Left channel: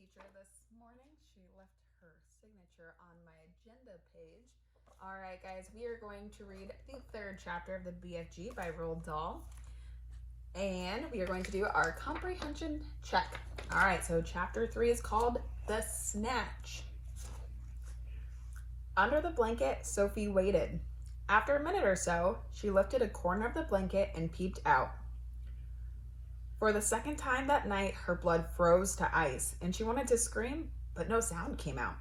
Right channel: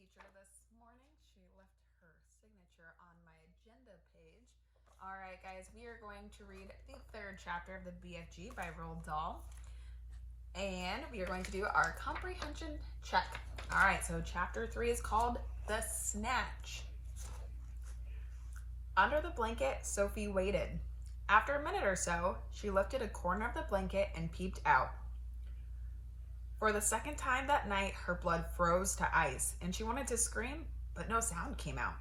teacher this morning. She left her signature on my agenda page. All right, guys, we are going to read the third chapter of the BFG by Roald Dahl. And we are going to do our comprehension check. All right, so chapter 3 is called The Snatch. Under the blanket, Sophie waited. After a minute or so, she lifted a corner of the blanket and peeped out. For the second time that night, her blood froze to ice, and she wanted to scream, but no sound came out.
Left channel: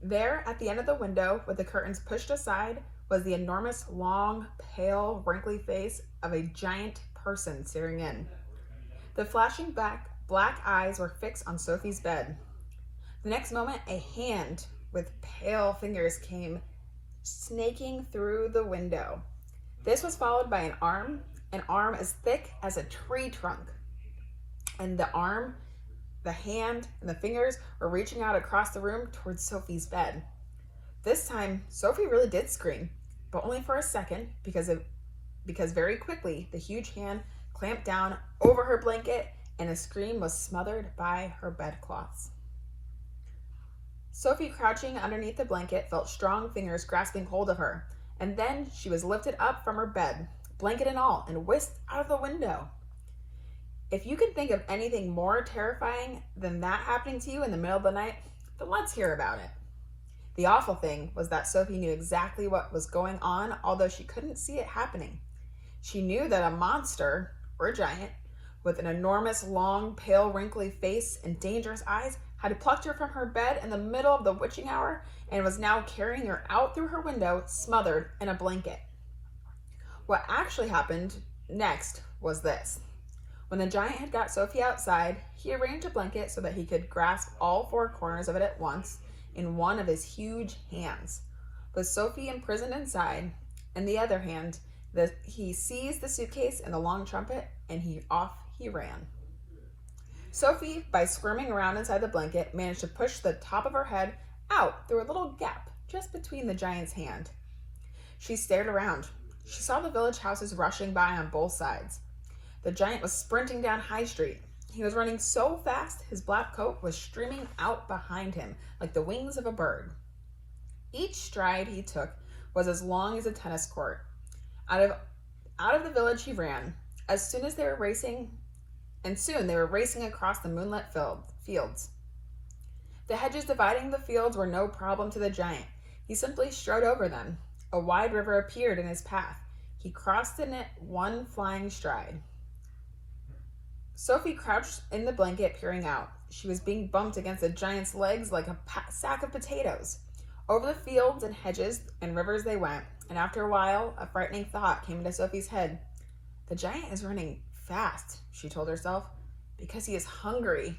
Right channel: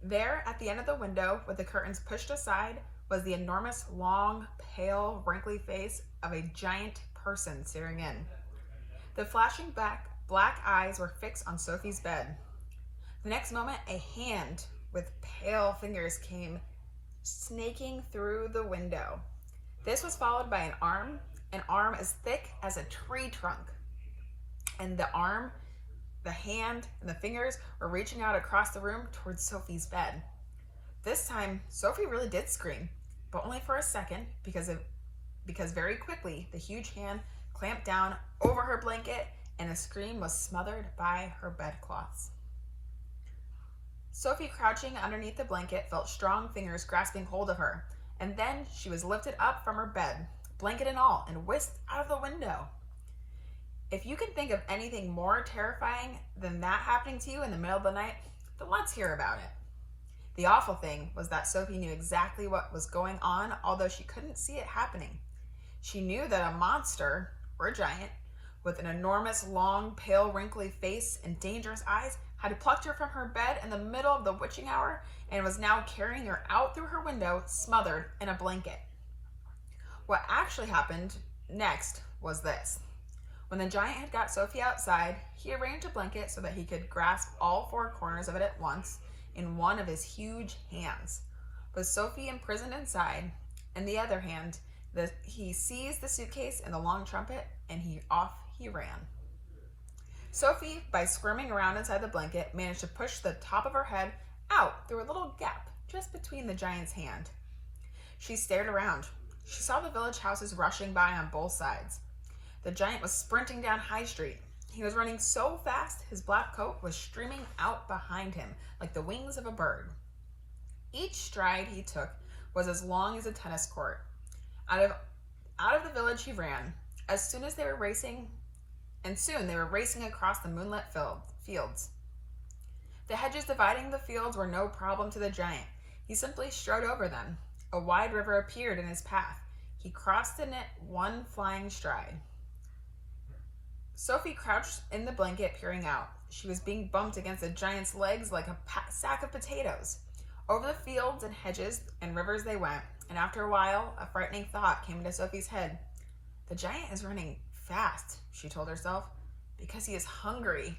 There, at the end of the window, with the curtains pushed aside, was the enormous, long, pale, wrinkly face of a giant person staring in. The flashing black eyes were fixed on Sophie's bed. The next moment, a hand with pale fingers came snaking through the window. This was followed by an arm as thick as a tree trunk. And the arm, the hand, and the fingers were reaching out across the room towards Sophie's bed. This time, Sophie really did scream, but only for a second because very quickly the huge hand clamped down over her blanket and the scream was smothered by her bedclothes. Sophie, crouching underneath the blanket, felt strong fingers grasping hold of her, and then she was lifted up from her bed, blanket and all, and whisked out of the window. If you can think of anything more terrifying than that happening to you in the middle of the night, then let's hear about it. The awful thing was that Sophie knew exactly what was going on, although she couldn't see it happening. She knew that a monster, or a giant, with an enormous, long, pale, wrinkly face and dangerous eyes had plucked her from her bed in the middle of the witching hour and was now carrying her out through her window, smothered in a blanket. What actually happened next was this. When the giant had got Sophie outside, he arranged a blanket so that he could grasp all four corners of it at once in one of his huge hands. With Sophie imprisoned inside, in the other hand, he seized the suitcase and the long trumpet, and off he ran. Sophie, by squirming around inside the blanket, managed to push the top of her head out through a little gap just between the giant's hand. She stared around. She saw the village houses rushing by on both sides. The giant was sprinting down High Street. He was running so fast, his black coat was streaming out behind him like the wings of a bird. Each stride he took was as long as a tennis court. Out of the village he ran. Soon they were racing across the moonlit fields. The hedges dividing the fields were no problem to the giant. He simply strode over them. A wide river appeared in his path. He crossed in it one flying stride. Sophie crouched in the blanket, peering out. She was being bumped against the giant's legs like a sack of potatoes. Over the fields and hedges and rivers they went, and after a while, a frightening thought came into Sophie's head. The giant is running fast, she told herself, because he is hungry,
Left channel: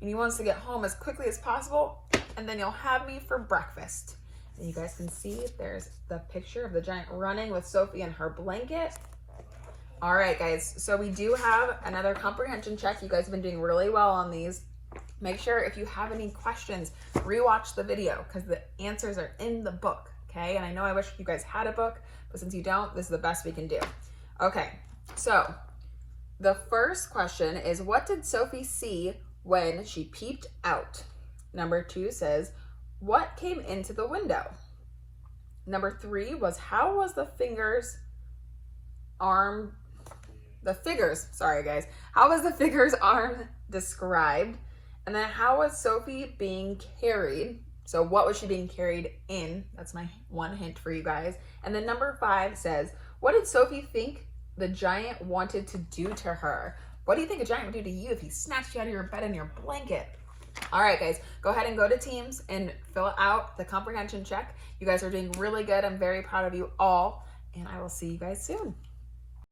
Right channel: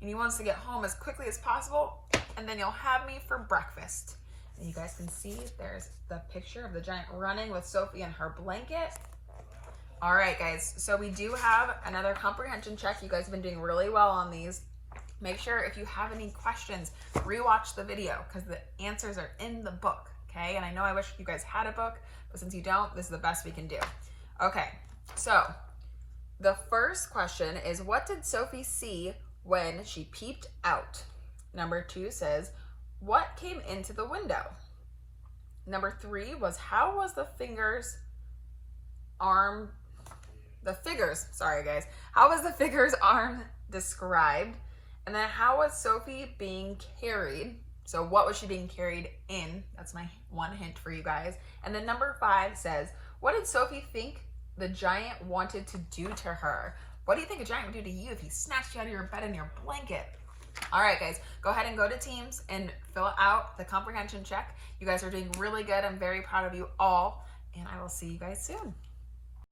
and he wants to get home as quickly as possible, and then he'll have me for breakfast. And you guys can see there's the picture of the giant running with Sophie in her blanket. All right, guys, so we do have another comprehension check. You guys have been doing really well on these. Make sure if you have any questions, rewatch the video because the answers are in the book, okay? And I know I wish you guys had a book, but since you don't, this is the best we can do. Okay, so the first question is, what did Sophie see when she peeped out? Number 2 says, what came into the window? Number 3 was, how was how was the figure's arm described? And then how was Sophie being carried? So what was she being carried in? That's my one hint for you guys. And then number 5 says, what did Sophie think the giant wanted to do to her? What do you think a giant would do to you if he snatched you out of your bed in your blanket? All right, guys, go ahead and go to Teams and fill out the comprehension check. You guys are doing really good. I'm very proud of you all, and I will see you guys soon.